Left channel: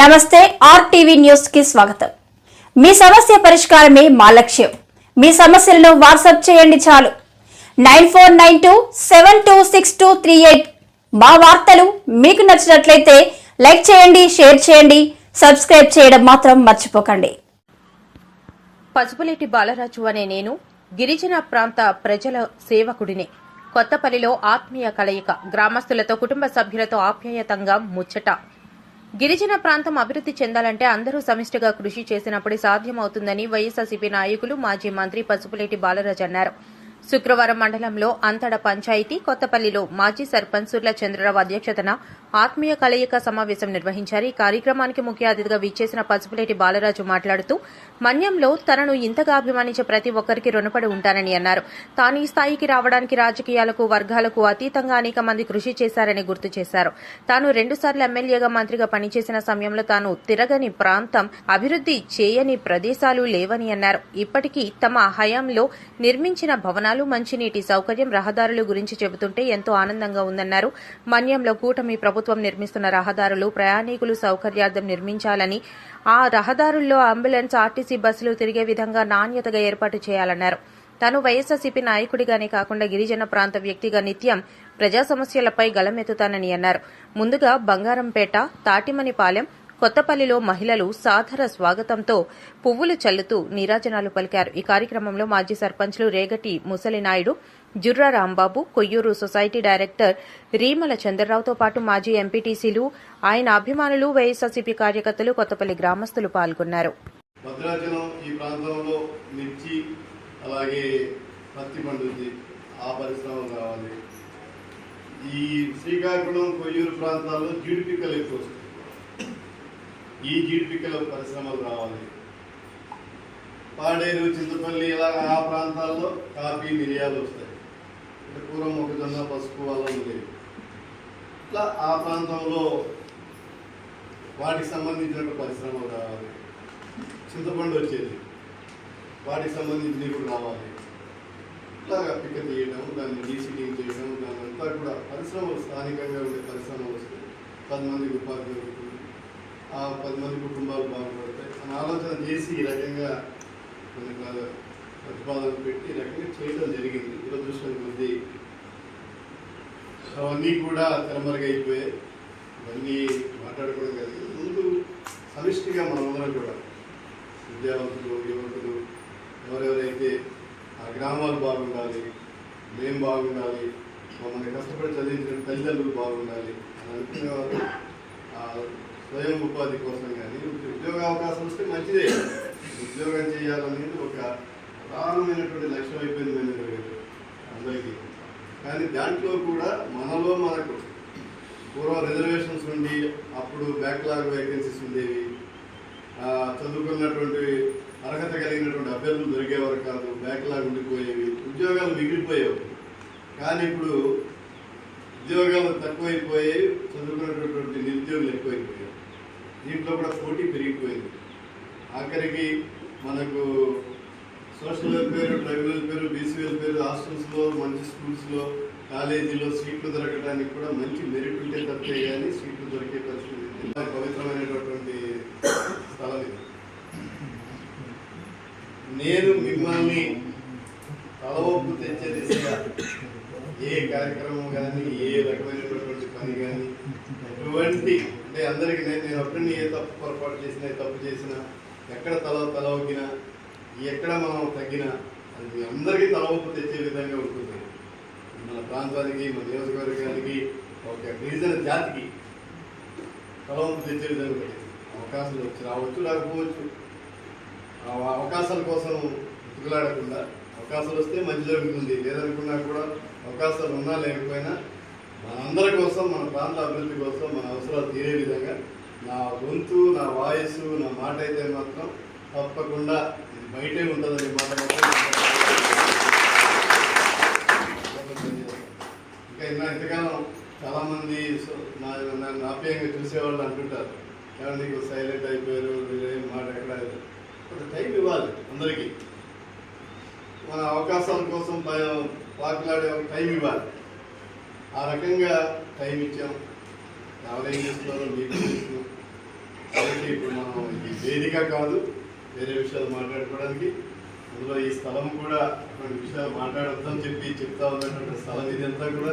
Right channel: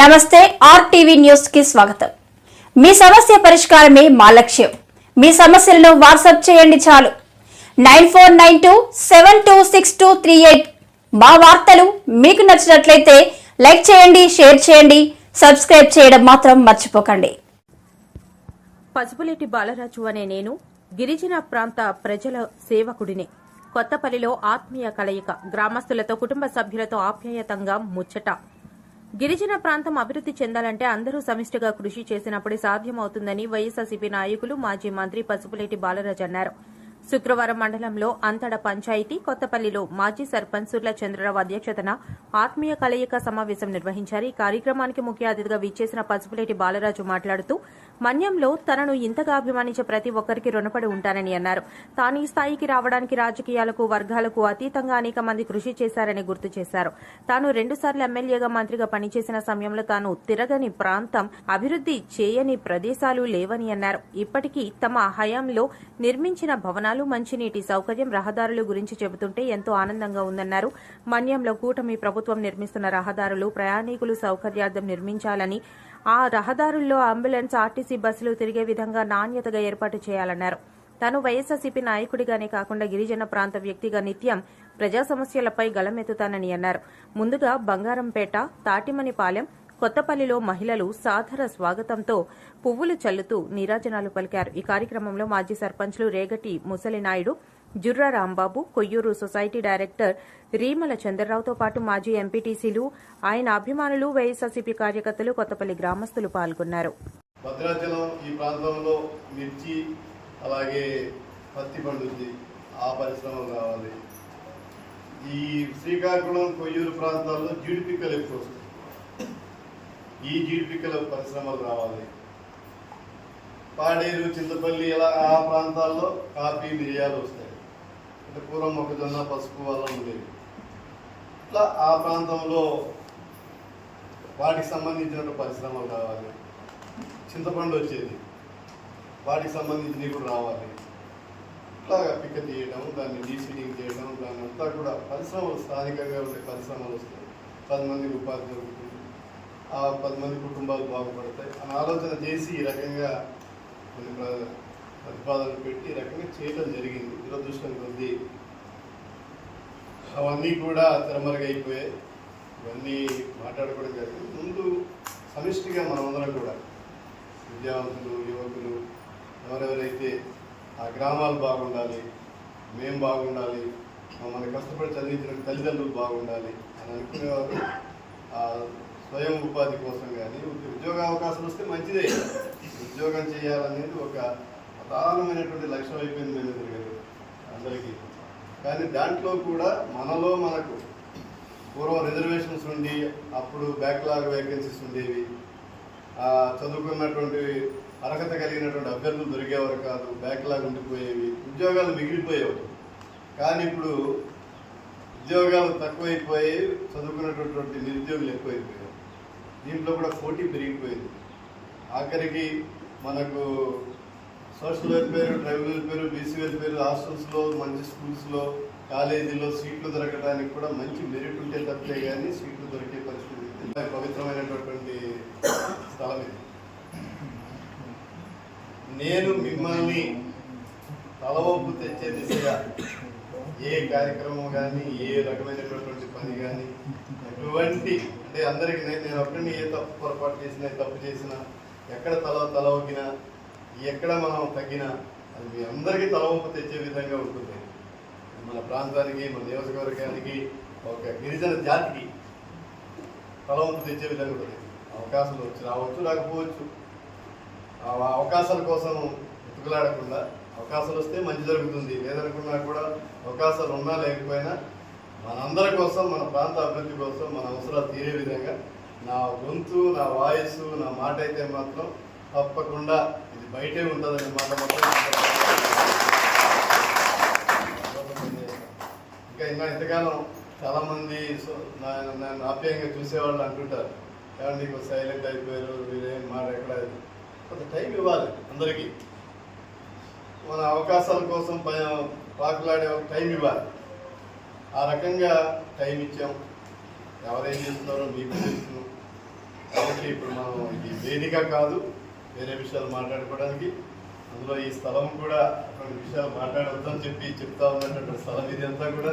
నమస్తే RTV news కి స్వాగతం. మీ సమస్య పరిష్కారమే మా లక్ష్యం. మీ సమస్యలను వాట్సాప్ చేయండి చాలు. 9492726238. మా వార్తలు మీకు నచ్చినట్లయితే లైక్ చేయండి, షేర్ చేయండి, సబ్స్క్రైబ్ చేయడం మాత్రం మర్చిపోకండి. పసుపులేటి బాలరాజు అనే నేను గిరిజన ప్రాంత ప్రజల సేవకుడిని. కొత్తపల్లిలో ఆత్మీయ కలయిక, గ్రామస్తులతో కుటుంబ సభ్యులతో ఆప్యాయతంగా ముచ్చట. గిరిజన ప్రాంతం అభివృద్ది చెందాలంటే అందరూ సమిష్టిగా కృషి చేసినప్పుడే సాధ్యమవుతుందని వైఎస్ఆర్సీపీ నాయకులు మాజీ మంత్రి పసుపులేటి బాలరాజు అన్నారు. శుక్రవారం మండలంలో అంతడ పంచాయతీ కొత్తపల్లిలో మాజీ సర్పంచ్ సుర్ల చంద్రరావు అధ్యక్షతన ఆత్మీయ కలయిక సమావేశం నిర్వహించారు. ఈ కార్యక్రమానికి ముఖ్య అతిథిగా విచ్చేసిన పసుపులేటి బాలరాజు మాట్లాడుతూ మన్యంలో తనను ఇంతగా అభిమానించే ప్రతి ఒక్కరికి రుణపడి ఉంటానని అన్నారు. తాను ఈ స్థాయికి రావడానికి రాజకీయాలకు, వర్గాలకు అతీతంగా అనేక మంది కృషి చేశారని గుర్తు చేశారు. తాను 2 సార్లు ఎమ్మెల్యేగా, మంత్రిగా పనిచేసిన సమయంలో తాను తిరగని ప్రాంతం, అభివృద్ది చేయని ప్రదేశాలు లేవని అన్నారు. ఇప్పటికీ తమ హయాంలో నిర్మించిన భవనాలు, మంచినీటి సౌకర్యం, రహదారుల గురించి చెబుతుంటే ఎంతో ఆనందంగా ఉందన్నారు. మన్యంలో కూటమి ప్రభుత్వం నిర్మిస్తున్న రహదారులు ప్రయాణికులు సౌకర్యార్థం నిర్మించాలని, ఆ రహదారుల్లో అంబులెన్స్, ఆర్టీసీ బస్సులు తిరిగే విధంగా నాణ్యతగా ఏర్పాటు చేయాలన్నారు. తాను వైఎస్ఆర్సీపీ నాయకుడిగానే కాకుండా గిరిజన ప్రాంత వ్యక్తిగా నిత్యం ప్రజా సమస్యలపై గళమెత్తుతానని అన్నారు. ముందుగా బంగారంపేట, తాటిమనిపాలెం, కొత్తపల్లిలో మహిళలు సాదర స్వాగతంతో పువ్వులు చల్లుతూ నీరాజనాలు పలికారు. ఈ కార్యక్రమంలో మాజీ సర్పంచ్లు రేగటి ముసలినాయుడు, జుర్రా రాంబాబు, కొయ్యూరు సొసైటీ డైరెక్టర్ రీమల చంద్రరావుతో పాటు మాజీ ఎంపీటీసీలు, ఆయన అభిమానులు, వైఎస్ఆర్సీపీ కార్యకర్తలు, కొత్తపల్లి గ్రామస్తులు పాల్గొన్నారు. భద్రాచలం ఈ ప్రాంతంలో మిర్చి, అలాగే పత్తి పండుద్ది, ఆ పరిశ్రమలు రావాలి. ఈ శ్రీకాకుళం, కొయ్యూరు ప్రాంతాల్లో జీడిపిక్కలు ఎక్కువ వస్తాయి. ఈ జీడిపిక్కల పరిశ్రమలు రావాలి. పాడేరు, చింతపల్లి ఇలా ఆ ప్రాంతాల్లో కాఫీ, మిరియాలు వస్తాయి. అంటే పూర్వం మొక్కజొన్న, పసుపు వల్ల ఉండేవి. ఇట్లా ఆ ప్రాంతంలో వాటికి సంబంధించిన పరిశ్రమలు రావాలి. చింతపండు వచ్చేది, వాటికి సంబంధించినవి కూడా రావాలి. ఇట్లాగా పిక్క తీయడం, దాన్ని డీసీడింగ్ చేయడం, దాని అంతా కూడా పరిశ్రమలు, స్థానికంగా ఉండే పరిశ్రమలు వస్తాయి. 10 మందికి ఉపాధి దొరుకుతుంది, ఆ 10 మంది కుటుంబాలు బాగుపడతాయి అని ఆలోచన చేసి ఈ రకంగా కొన్ని ప్రతిపాదనలు పెట్టి ఈ రకంగా చేయడం జరిగింది. దురదృష్టం కొద్దీ అవన్నీ కూడా తెరమరుగైపోయాయి. ఇవన్నీ మాట్లాడుకోవడం జరిగింది. ముందు సమిష్టిగా మనమందరం కూడా విద్యావంతులు, యువకులు, ఎవరెవరైతే ఆ గ్రామాలు బాగుండాలి, మేము బాగుండాలి, మమ్మల్ని కష్టపడి చదివించిన తల్లిదండ్రులు బాగుండాలి అని అనుకునేవారు. స్వయం ఉపాధి కోసం కానీ ఉద్యోగ అవకాశం వస్తే మంచిదే. ఉద్యోగం చేయాలనేది ఒక ప్రధానమైనటువంటి లక్ష్యం అయిపోయింది మేనేజర్ గారు అందరికీ. కానీ దాంట్లో కూడా మనలో మనకు పూర్వం రిజర్వేషన్స్ ఉండి అప్పుడు బ్యాక్లాగ్ వేకెన్సీస్ ఉండేవి. చదువుకున్నటువంటి అర్హత కలిగినటువంటి అభ్యర్థులు దొరికేవారు కాదు, బ్యాక్లాగ్ ఉండిపోయేవి, ఉద్యోగాలు మిగిలిపోయేవి. కానీ ఇప్పుడు ఉద్యోగాలు తక్కువైపోయి చదువుకున్నటువంటి నిరుద్యోగులు ఎక్కువైపోయారు. దీంట్లో కూడా పోటీ పెరిగిపోయింది. ఆఖరికి మనకు social welfare, tribal welfare, BC welfare, హాస్టల్స్లో, మంచి స్కూల్స్లో, కాలేజీలో సీట్లు దొరకడానికి కూడా మంచి మెరిట్ ఉంటే తప్పితే కానీ సీట్లు దొరికే పరిస్థితి. పవిత్రమైనటువంటి స్థలం ఇది. నేను మిమ్మల్ని తలవంపు తెచ్చే దిశగా ఏ కార్యక్రమం కానీ, ఏ రకమైనటువంటి పని కానీ, ఎటువంటి అంటే అందరికీ నేను ఒక్కడిని ఏ తప్పు పొరపాటు చేసినా, తప్పు చేసినా, ఎక్కడ తల ఒగ్గినా, ఎక్కడ మనం తగ్గినా అది మీ అందరికీ తలవంపు తెచ్చే విధంగా ఉంటుంది. మన ప్రాంతానికి, మన నియోజకవర్గానికి, ఒక గిరిజన జాతికి తలవంపు తెచ్చే విధంగా ఉంటుంది. అవకాశాలు వచ్చి రావచ్చు, రాకపోవచ్చు. ఆ అవకాశాల కోసం ఉతుకులాడకుండా అవకాశాలు వస్తే మంచి జరుగుతుంది. లేదనుకున్నా కూడా అవకాశాలు ఉన్నా లేకపోయినా మనందరి కోసం, మన ప్రాంత అభివృద్ధి కోసం, మన అవసరాలు తీరే విధంగా నా గొంతు, నా వాయిస్, నా మాట అయితే మాత్రం తప్పకుండా ఇది బయటే ఉంటుందనే మాట మాత్రం. ఇంకా ఇంతకాలం చాలామంది నన్ను ఆప్యాయంగా చూసేవాళ్ళు అంటుంటారు, ఏమంటే నీకు సైలెంట్ అయిపోయారు, మీరేం మాట ఎక్కడ. కొంత టైం ఇవ్వాలి అందరికీ. మన అవకాశాల కోసం పాకులాడే టైం ఇవ్వాలి. ఆ రకంగా టైం ఇచ్చాం. ఎవరేం చేస్తున్నారో మీకు తెలుసు. కాబట్టి ఇప్పుడు మనం ఇది వేదిక కాదు వేరే విషయాలు మాట్లాడుకోవడానికి. అందులో ఈ స్థలం కూడా అటువంటి విషయాలు మాట్లాడొద్దని చెప్తా ఉన్నటువంటి స్థలం ఇది అంతా కూడా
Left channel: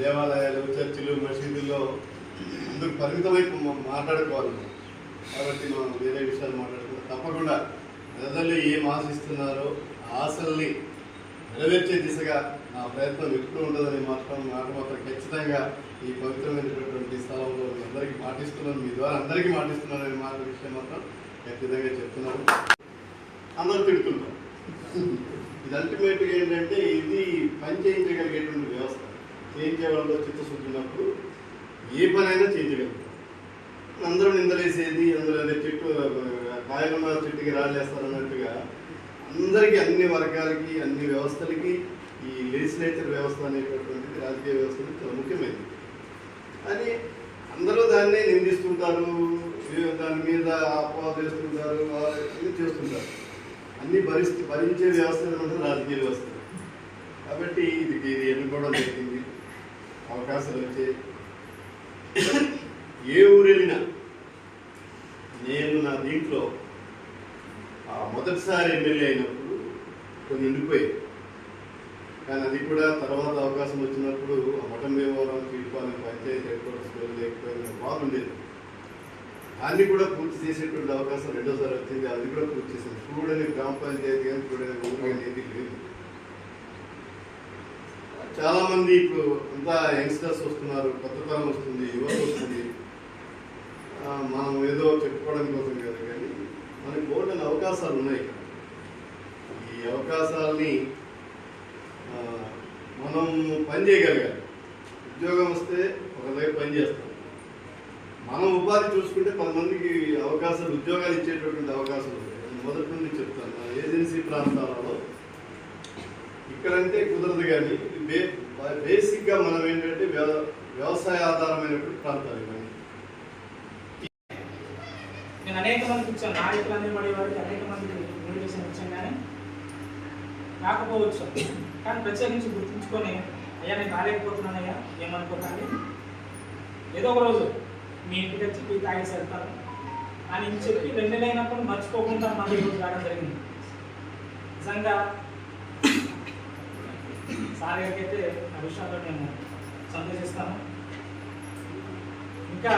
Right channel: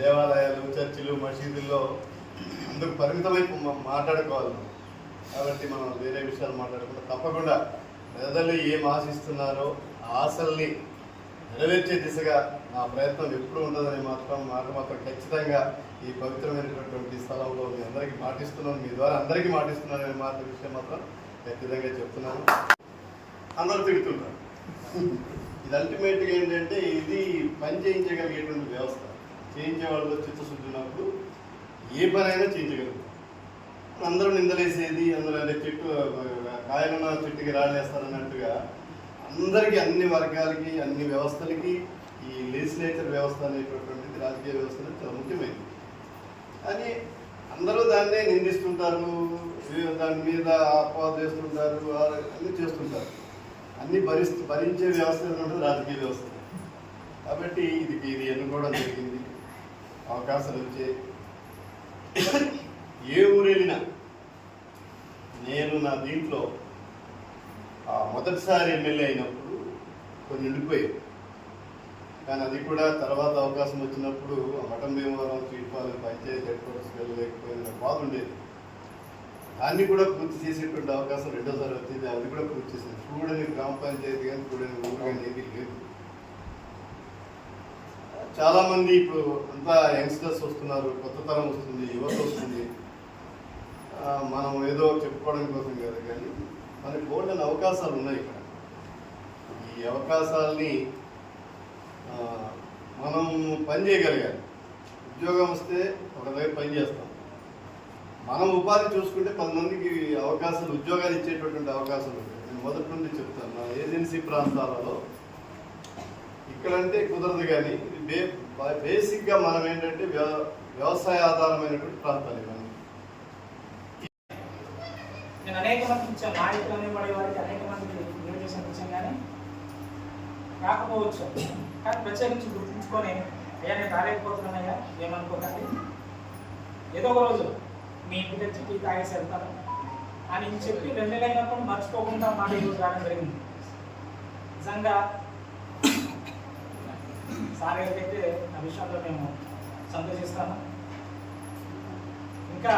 దేవాలయాలు, చర్చిలు, మసీదుల్లో అందుకు పరిమితమై మాట్లాడుకోవాలి. కాబట్టి మనం వేరే విషయాలు మాట్లాడకుండా తప్పకుండా ప్రజలు ఏం ఆశిస్తున్నారో ఆ ఆశల్ని నెరవేర్చే దిశగా నా ప్రయత్నం ఎప్పుడు ఉండదని మాట మాత్రం ఖచ్చితంగా ఈ పవిత్రమైనటువంటి స్థలంలో మీ అందరికీ మాటిస్తున్నాను, మీ ద్వారా అందరికీ మాటిస్తున్నాను అనే విషయం మాత్రం ఖచ్చితంగా చెప్తున్నాను. అందరూ తిడుతున్నారు. ఇది అల్టిమేట్గా ఏంటంటే ఇది పని చేయించగలిగేటువంటి వ్యవస్థ. చేయించే వాళ్ళు చిత్తశుద్ధి ఉన్నప్పుడు ఏ పనైనా చేయించగలుగుతారు. అందరూ నిందలేసేది అందులో చెట్టు కాయలున్న చెట్టుకి రాళ్ళేస్తారన్నట్టుగా అందరికీ అన్ని వర్గాలకి అన్ని వ్యవస్థలకి ఈ లెజిస్లేచర్ వ్యవస్థ అనేటటువంటిది రాజకీయ వ్యవస్థ చాలా ముఖ్యమైనది. అని అందరూ దాన్నే నిందిస్తుంటారు, దాని మీద అపవాదు చేస్తుంటారు, అన్నీ చేస్తుంటారు. అన్ని భరించే వ్యవస్థ ఉంటుంది రాజకీయ వ్యవస్థ. కాబట్టి ఇది ఎన్నుకోవడం జరిగింది. అవకాశాలు వచ్చాయి. ఏ ఊరు వెళ్ళినా నేను నా దీంట్లో మొదటిసారి ఎమ్మెల్యే అయినప్పుడు కొన్ని ఉండిపోయాయి. కానీ అది కూడా తర్వాత అవకాశం వచ్చినప్పుడు మఠం భీమవరం తీర్పాలని పంచాయతీ హెడ్ క్వార్టర్స్ వెళ్ళలేకపోయిన బాగుండేది. దాన్ని కూడా పూర్తి చేసేటువంటి అవకాశం రెండోసారి వచ్చింది. అది కూడా పూర్తి చేసింది. చూడని గ్రామ పంచాయతీ కానీ చూడని ఊరు కానీ ఏది లేదు. చాలామంది ఇప్పుడు అంతా యంగ్స్టర్స్ వస్తున్నారు, కొత్త తరం వస్తుంది, యువత వస్తుంది. మనం ఏదో చెప్పుకోవడం కోసం కాదు, కానీ మనకి బోల్డెన్ అవకాశాలు ఉన్నాయి ఇక్కడ. ఈ అవకాశాలని మనం పని చేయగలిగాలి. ఉద్యోగం వస్తే ఒక దగ్గర పని చేస్తాం. మనం ఉపాధి చూసుకుంటే 10 మందికి అవకాశాలు, ఉద్యోగాలు ఇచ్చేటటువంటి అవకాశాలు ఉంటాయి. నేను మొదటి నుండి చెప్తాను. నా ఏజెన్సీ ప్రాంతాలలో ఇక్కడంటే కుదరదు, కానీ బేసిక్గా మనం ఏంటంటే వ్యవసాయ ఆధారమైనటువంటి ప్రాంతాలు ఇవన్నీ. నేను అనేక మందికి ఇచ్చాను, నాయకులు అనేవాడి వారికి అనేక మందికి ఇన్విటేషన్ ఇచ్చాను, కానీ రాకపోవచ్చు. కానీ ప్రత్యేకించి గుర్తుంచుకొని, అయ్యా నేను రాలేకపోతున్నానయ్యా ఏమనుకోకండి, ఏదో ఒక రోజు మీ ఇంటికి వచ్చి తాగేసి వెళ్తాను అని చెప్పి 2 నెలలు అయినప్పుడు మర్చిపోకుండా మళ్ళీ ఈరోజు రావడం జరిగింది. నిజంగా సార్ గారికైతే ఆ విషయంలో నేను సంతోషిస్తాను. ఇంకా